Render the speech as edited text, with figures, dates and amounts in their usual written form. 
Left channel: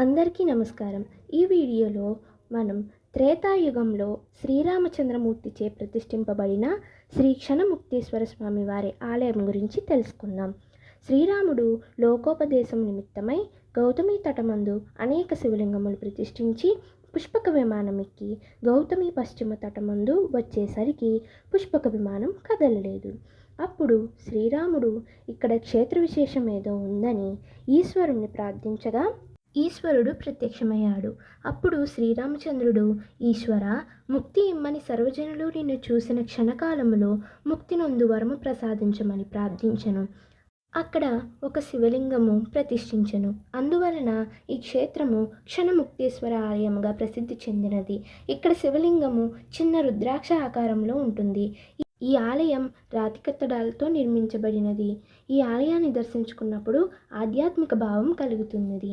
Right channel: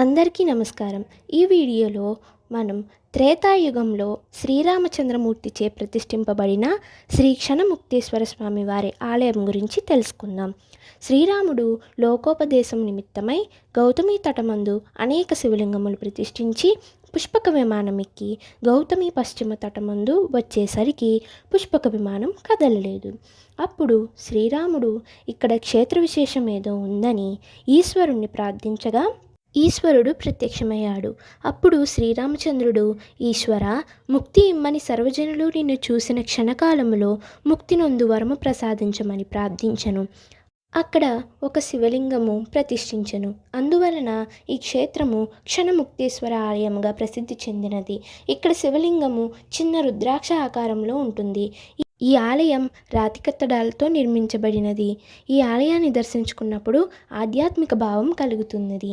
అందరికీ నమస్కారం. ఈ వీడియోలో మనం త్రేతాయుగంలో శ్రీరామచంద్రమూర్తిచే ప్రతిష్ఠింపబడిన శ్రీ క్షణముక్తేశ్వర స్వామి వారి ఆలయం గురించి తెలుసుకుందాం. శ్రీరాముడు లోకోపదేశం నిమిత్తమై గౌతమి తటమందు అనేక శివలింగములు ప్రతిష్ఠించి పుష్పక విమానం ఎక్కి గౌతమి పశ్చిమ తటమందు వచ్చేసరికి పుష్పక విమానం కదలలేదు. అప్పుడు శ్రీరాముడు ఇక్కడ క్షేత్ర విశేషం ఏదో ఉందని ఈశ్వరుణ్ణి ప్రార్థించగా ఈశ్వరుడు ప్రత్యక్షమయ్యాడు. అప్పుడు శ్రీరామచంద్రుడు, ఈశ్వర, ముక్తి ఇమ్మని సర్వజనులు నిన్ను చూసిన క్షణకాలములో ముక్తి నొందు వరము ప్రసాదించమని ప్రార్థించను. అక్కడ ఒక శివలింగము ప్రతిష్ఠించను. అందువలన ఈ క్షేత్రము క్షణముక్తేశ్వర ఆలయముగా ప్రసిద్ధి చెందినది. ఇక్కడ శివలింగము చిన్న రుద్రాక్ష ఆకారంలో ఉంటుంది. ఈ ఆలయం రాతి కట్టడాలతో నిర్మించబడినది. ఈ ఆలయాన్ని దర్శించుకున్నప్పుడు ఆధ్యాత్మిక భావం కలుగుతున్నది.